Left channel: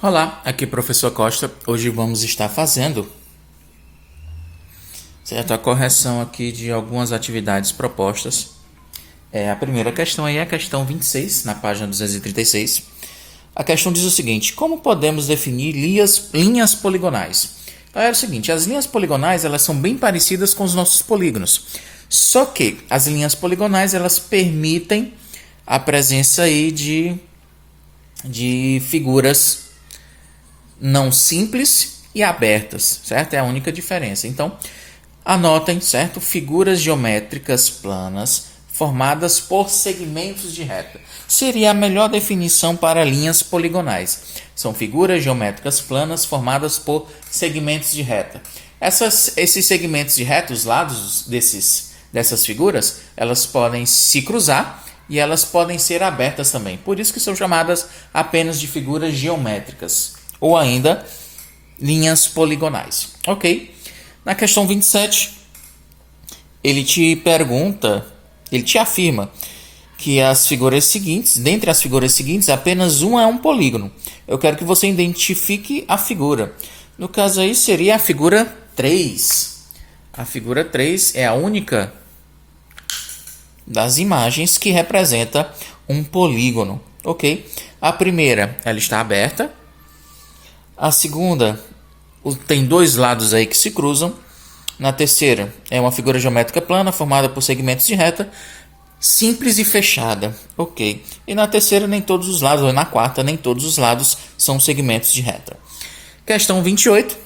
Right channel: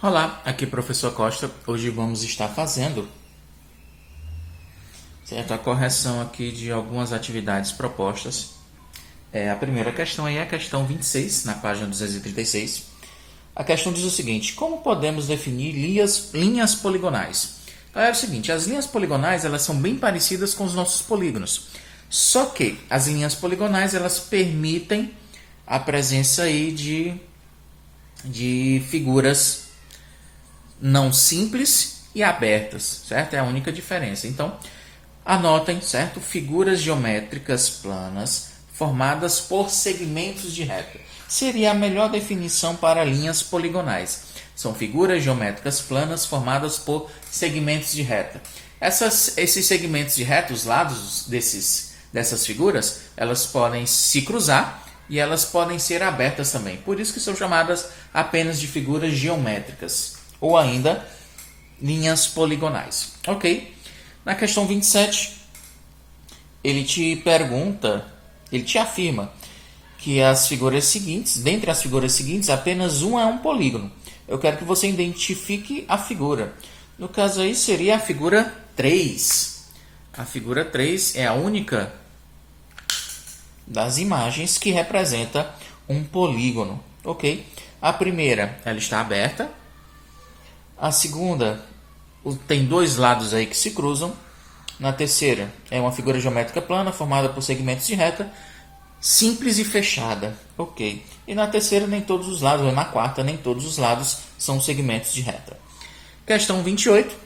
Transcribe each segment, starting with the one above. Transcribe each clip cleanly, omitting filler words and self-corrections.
Olá, aqui é o professor Costa. Hoje vamos estar fazendo certo, a correção aqui de algumas atividades propostas. A primeira questão aí é a questão 26, na página 236. A questão diz o seguinte: como podemos definir linhas poligonais? É o seguinte, as linhas poligonais elas são bem parecidas com os nossos polígonos. Só que as linhas poligonais elas permitem a presença aí de figuras não simples e abertas, certo? É a única diferença. Então, anotem, certo? Figuras geométricas planas formadas por segmentos de reta. Seria a melhor definição para linhas poligonais. São figuras geométricas planas formadas por segmentos de reta. Esses segmentos de reta, os lados dessas figuras, elas podem se cruzar e elas podem ser abertas também. Por isso que são chamadas apenas de figuras geométricas ou ainda linhas poligonais. Ok? Na questão 27, ele te afirma que as figuras seguintes, dentre as figuras seguintes, apenas uma é um polígono. Eu quero que você identifique a figura. No caso aí seria a figura 3. A figura 3 é a única das imagens que representa um polígono. Ok? A primeira, ela está aberta. A segunda tem dois lados aí que se cruzam. Na terceira é uma figura geométrica plana formada por segmentos de reta, simples e fechada. Ok. E na terceira nem todos os lados, ou na quarta nem todos os lados são segmentos de reta. Questão 28.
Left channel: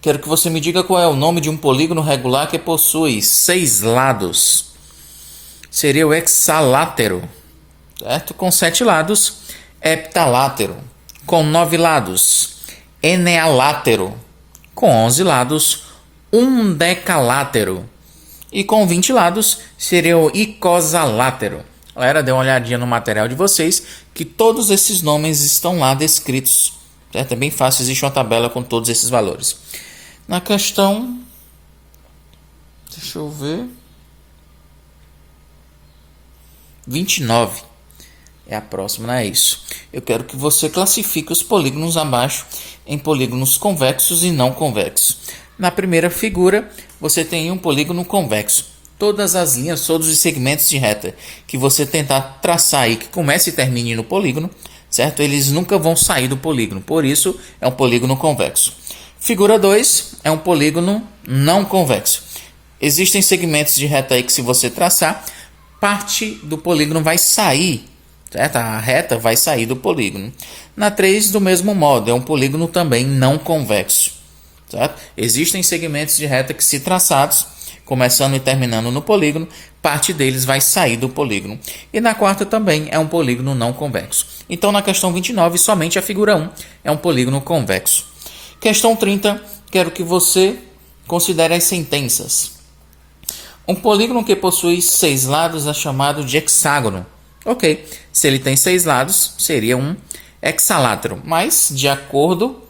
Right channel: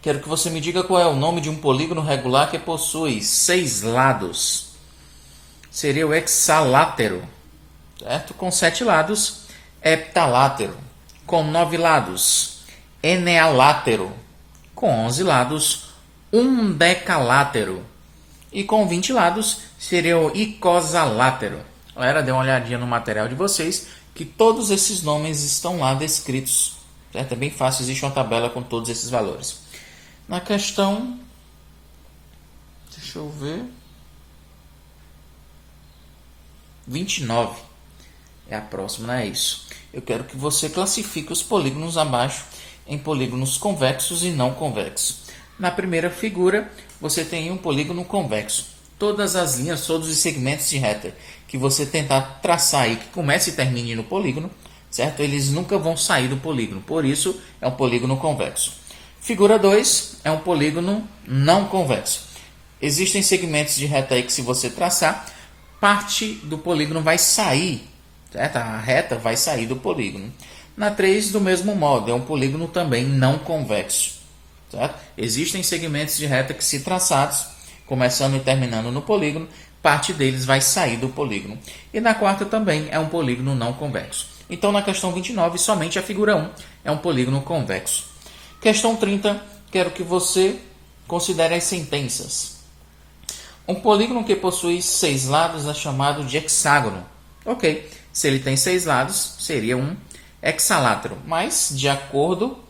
Quero que você me diga qual é o nome de um polígono regular que possui 6 lados. Seria o hexalátero, certo? Com 7 lados, heptalátero. Com 9 lados, enealátero. Com 11 lados, undecalátero. E com 20 lados, seria o icosalátero. Galera, dê uma olhadinha no material de vocês, que todos esses nomes estão lá descritos. Certo? É bem fácil, existe uma tabela com todos esses valores. Na questão... Deixa eu ver... 29. É a próxima, não é isso. Eu quero que você classifique os polígonos abaixo em polígonos convexos e não convexos. Na primeira figura, você tem um polígono convexo. Todas as linhas, todos os segmentos de reta que você tentar traçar aí, que comece e termine no polígono, certo? Eles nunca vão sair do polígono, por isso é um polígono convexo. Figura 2 é um polígono não convexo. Existem segmentos de reta aí que se você traçar, parte do polígono vai sair, certo? A reta vai sair do polígono. Na 3, do mesmo modo, é um polígono também não convexo, certo? Existem segmentos de reta que, se traçados, começando e terminando no polígono, parte deles vai sair do polígono. E na quarta também é um polígono não convexo. Então, na questão 29, somente a figura 1 é um polígono convexo. Questão 30, quero que você considere as sentenças. Um polígono que possui 6 lados é chamado de hexágono. Ok, se ele tem 6 lados, seria um hexalátero. Mas, de acordo,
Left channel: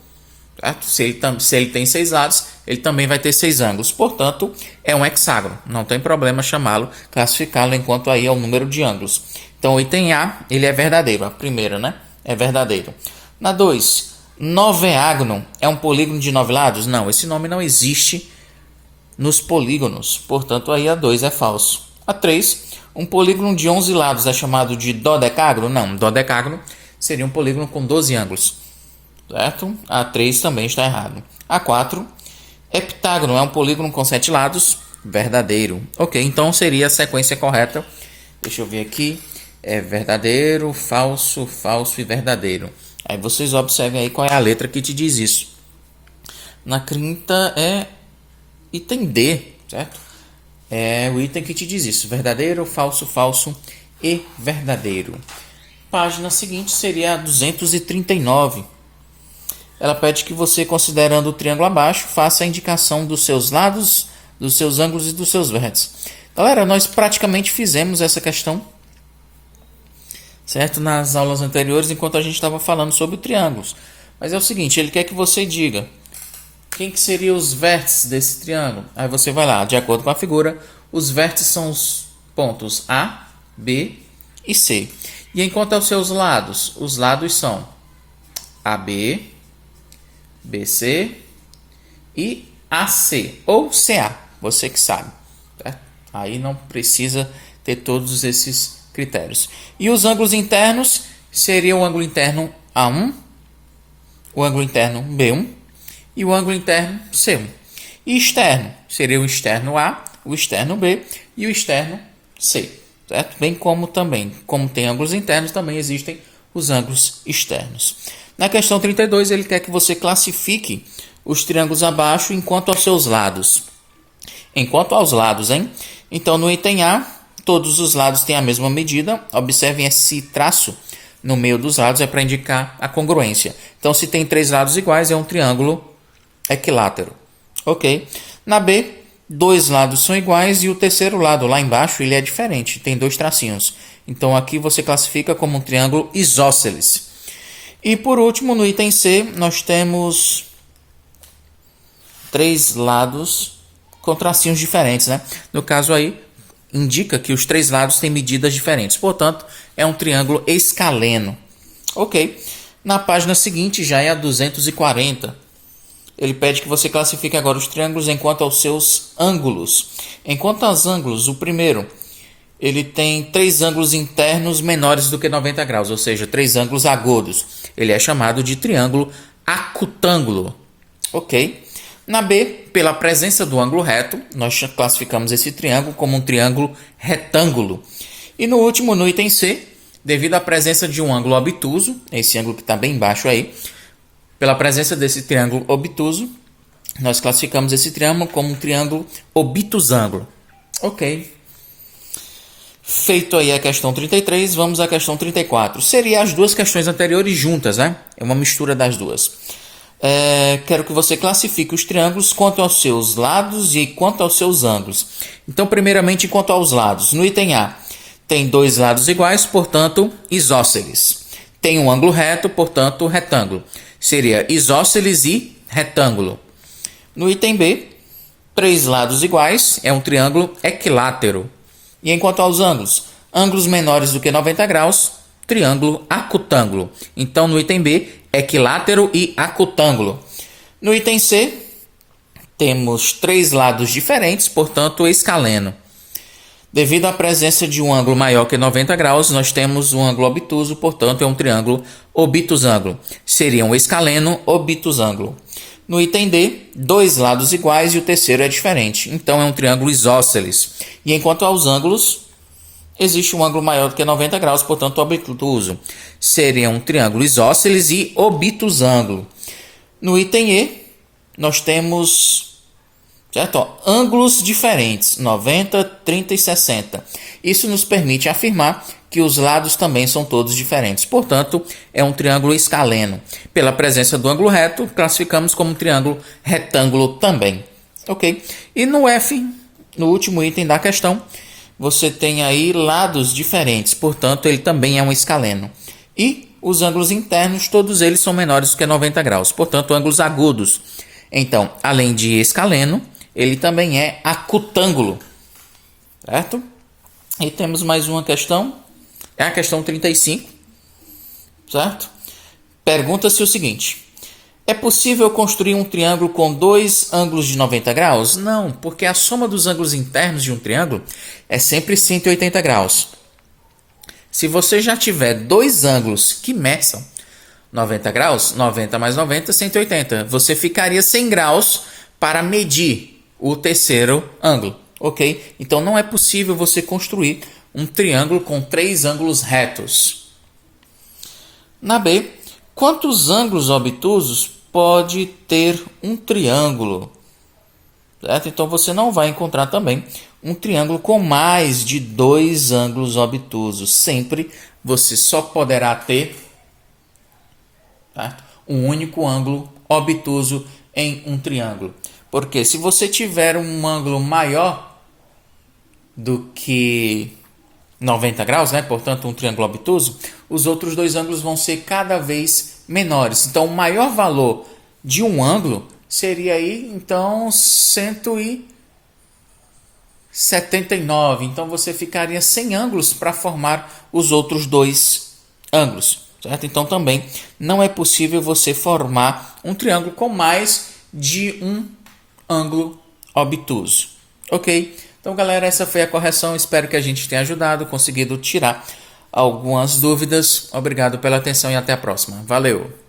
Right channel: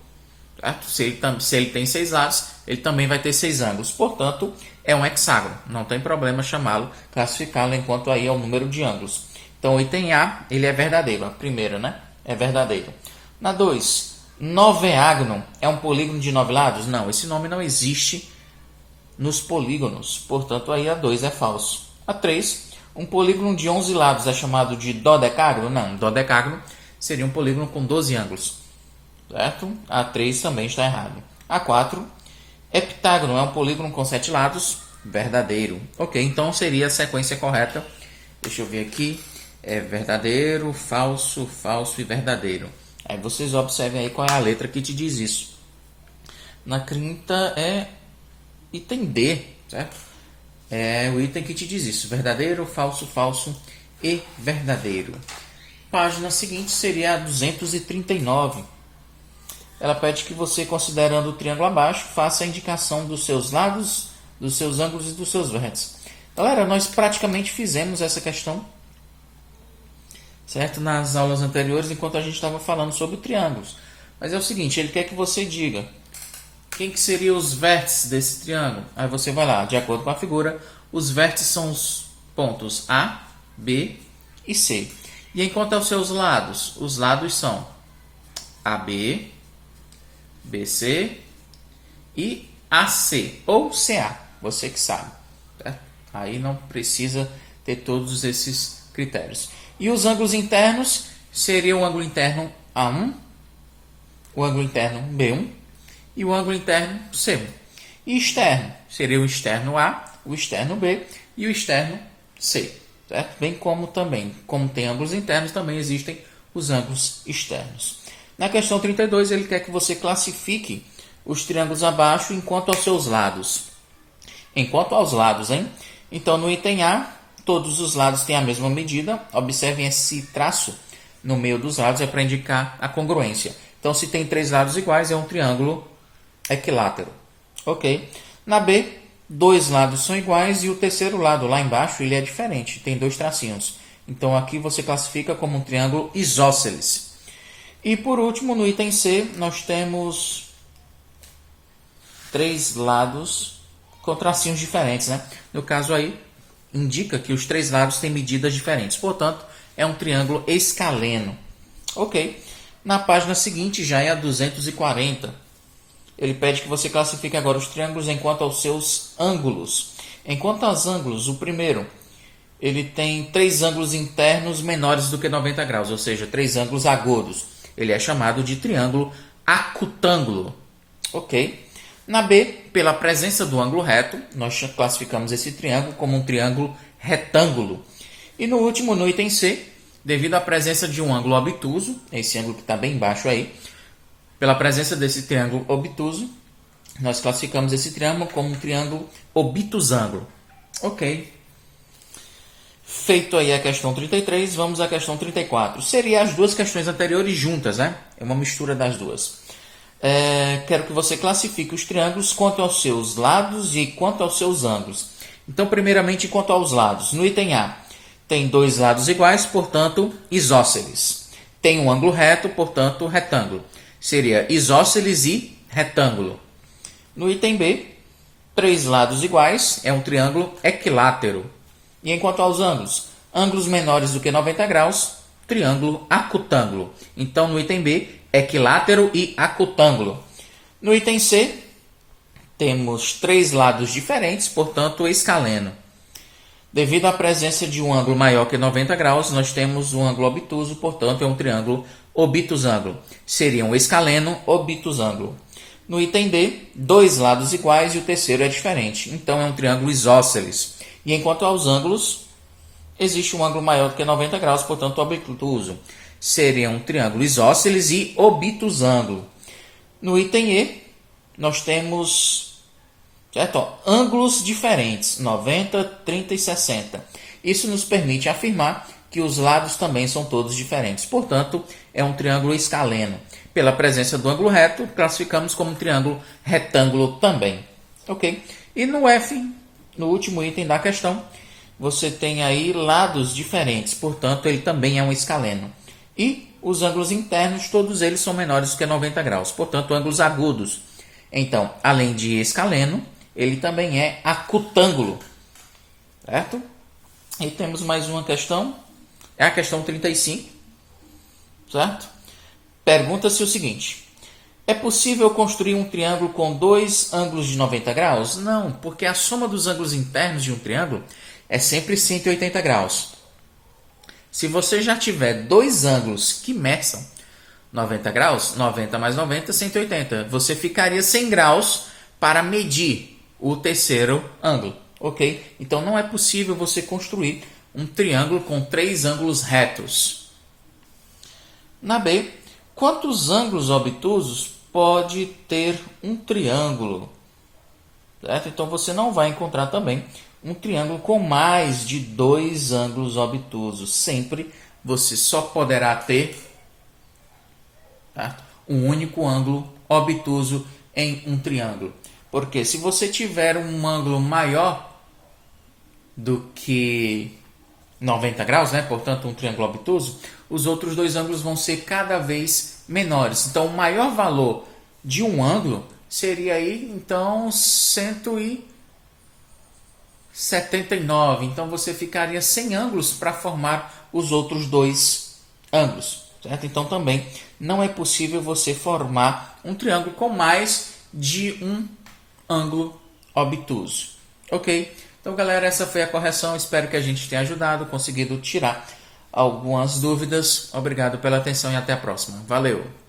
se ele tem 6 lados, ele também vai ter 6 ângulos. Portanto, é um hexágono. Não tem problema chamá-lo, classificá-lo enquanto aí é o número de ângulos. Então, o item A, ele é verdadeiro. A primeira, né? É verdadeiro. Na 2, noveágono é um polígono de 9 lados? Não, esse nome não existe nos polígonos, portanto aí a 2 é falso. A 3, um polígono de 11 lados é chamado de dodecágono? Não, dodecágono seria um polígono com 12 ângulos, certo? A 3 também está errado. A 4, heptágono é um polígono com 7 lados? Verdadeiro. Ok, então seria a sequência correta. Deixa eu ver aqui. É verdadeiro, falso, falso e verdadeiro. Aí vocês observem aí qual é a letra que te diz isso. Na 30 é item D, certo? É o item que te diz isso. Verdadeiro, falso, falso e verdadeiro. Página seguinte seria a 239. Ela pede que você, considerando o triângulo abaixo, faça a indicação dos seus lados, dos seus ângulos e dos seus vértices. Galera, nós praticamente fizemos essa questão, certo? Nas aulas anteriores, enquanto a gente estava falando sobre triângulos. Mas é o seguinte, ele quer que você diga quem que seriam os vértices desse triângulo. Aí você vai lá, de acordo com a figura, os vértices são os pontos A, B e C. E enquanto aos seus lados, os lados são AB, BC e AC ou CA, você que sabe. Certo? Aí não precisa ter todos esses critérios. E os ângulos internos seria o ângulo interno A1, o ângulo interno B1 e o ângulo interno C1. E externo seria o externo A, o externo B e o externo C. Certo? Bem como também, como tem ângulos internos, também existem os ângulos externos. Na questão 32, ele quer que você classifique os triângulos abaixo enquanto aos seus lados. Enquanto aos lados, hein? Então, no item A, todos os lados têm a mesma medida. Observem esse traço no meio dos lados, é para indicar a congruência. Então, se tem 3 lados iguais, é um triângulo equilátero. Ok? Na B, 2 lados são iguais e o terceiro lado, lá embaixo, ele é diferente. Tem 2 tracinhos. Então, aqui você classifica como um triângulo isósceles. E, por último, no item C, nós temos 3 lados com tracinhos diferentes, né? No caso aí, indica que os 3 lados têm medidas diferentes. Portanto, é um triângulo escaleno. Ok. Na página seguinte, já é a 240. Ele pede que você classifique agora os triângulos enquanto aos seus ângulos. Enquanto aos ângulos, o primeiro, ele tem 3 ângulos internos menores do que 90 graus, ou seja, 3 ângulos agudos. Ele é chamado de triângulo acutângulo. Ok. Na B, pela presença do ângulo reto, nós classificamos esse triângulo como um triângulo retângulo. E no último, no item C, devido à presença de um ângulo obtuso, esse ângulo que está bem embaixo aí, pela presença desse triângulo obtuso, nós classificamos esse triângulo como um triângulo obtusângulo. Ok. Feito aí a questão 33, vamos à questão 34. Seria as duas questões anteriores juntas, né? É uma mistura das duas. Quero que você classifique os triângulos quanto aos seus lados e quanto aos seus ângulos. Então, primeiramente, quanto aos lados. No item A, tem 2 lados iguais, portanto, isósceles. Tem um ângulo reto, portanto, retângulo. Seria isósceles e retângulo. No item B, 3 lados iguais, é um triângulo equilátero. E enquanto aos ângulos, ângulos menores do que 90 graus, triângulo acutângulo. Então, no item B, equilátero e acutângulo. No item C, temos 3 lados diferentes, portanto, escaleno. Devido à presença de um ângulo maior que 90 graus, nós temos um ângulo obtuso, portanto, é um triângulo obtusângulo. Seria um escaleno obtusângulo. No item D, 2 lados iguais e o terceiro é diferente. Então, é um triângulo isósceles. E enquanto aos ângulos, existe um ângulo maior do que 90 graus, portanto, obtuso. Seria um triângulo isósceles e obtusângulo. No item E, nós temos, certo? Ângulos diferentes, 90, 30 e 60. Isso nos permite afirmar que os lados também são todos diferentes. Portanto, é um triângulo escaleno. Pela presença do ângulo reto, classificamos como um triângulo retângulo também. Ok? E no F, no último item da questão, você tem aí lados diferentes. Portanto, ele também é um escaleno. E os ângulos internos, todos eles são menores do que 90 graus. Portanto, ângulos agudos. Então, além de escaleno, ele também é acutângulo. Certo? E temos mais uma questão. É a questão 35, certo? Pergunta-se o seguinte: é possível construir um triângulo com 2 ângulos de 90 graus? Não, porque a soma dos ângulos internos de um triângulo é sempre 180 graus. Se você já tiver 2 ângulos que meçam 90 graus, 90 mais 90, 180. Você ficaria 100 graus para medir o terceiro ângulo, ok? Então não é possível você construir um triângulo com 3 ângulos retos. Na B, quantos ângulos obtusos pode ter um triângulo? Certo? Então você não vai encontrar também um triângulo com mais de 2 ângulos obtusos. Sempre você só poderá ter, tá, um único ângulo obtuso em um triângulo. Porque se você tiver um ângulo maior do que 90 graus, né? Portanto, um triângulo obtuso, os outros 2 ângulos vão ser cada vez menores. Então, o maior valor de um ângulo seria aí, então, 179. Então, você ficaria sem ângulos para formar os outros 2 ângulos. certo? Então também não é possível você formar um triângulo com mais de um ângulo obtuso, ok? Então, galera, essa foi a correção. Espero que a gente tenha ajudado, conseguido tirar algumas dúvidas. Obrigado pela atenção e até a próxima. Valeu!